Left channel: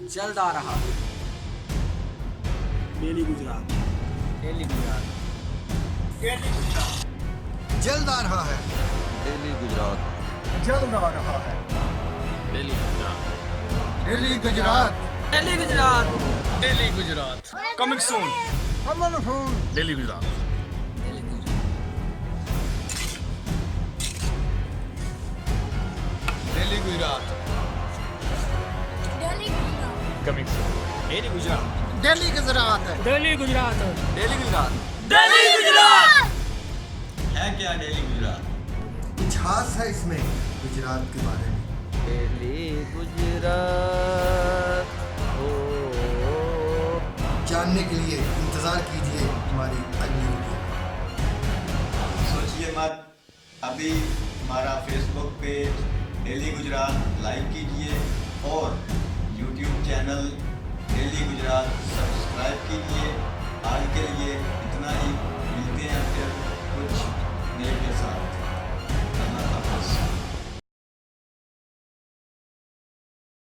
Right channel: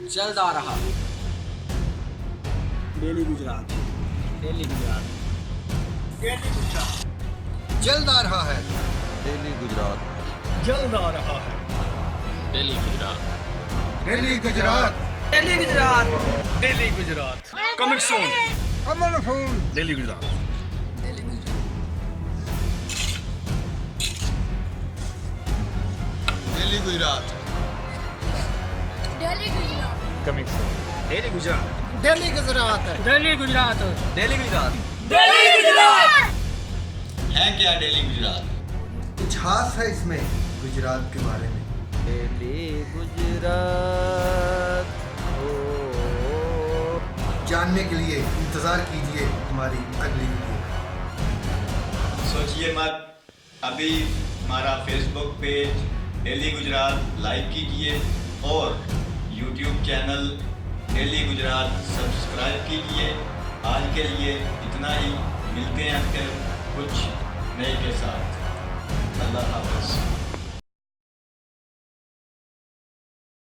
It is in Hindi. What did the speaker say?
जल्द आ रहा। Daily Gujarat. Daily Gujarat. Daily Gujarat. जल्द आ रहा है। डेली गुजरात। जल्द आ रहा है। Daily Gujarat. Daily Gujarat. Daily Gujarat. Daily Gujarat. Coming soon. Come on fool. Daily Gujarat. Daily Gujarat. Daily Gujarat. Delhi Gujarat coming soon. Daily Gujarat. Daily Gujarat. Daily Gujarat. Daily Gujarat. Delhi Gujarat है क्या डेली गुजरात? कुछ खास है इसमें गुजरात के बारे में। डेली गुजरात हो। जानने के लिए इंतजार कीजिए हमारी अगली वीडियो। सोचिए मत, अभी हमारा Facebook page daily Gujarat like कीजिए और YouTube channel daily Gujarat subscribe कीजिए। आज के लिए इतना ही, मिलते हैं फिर कुछ नए के साथ। अल्लाह हाफ़िज़।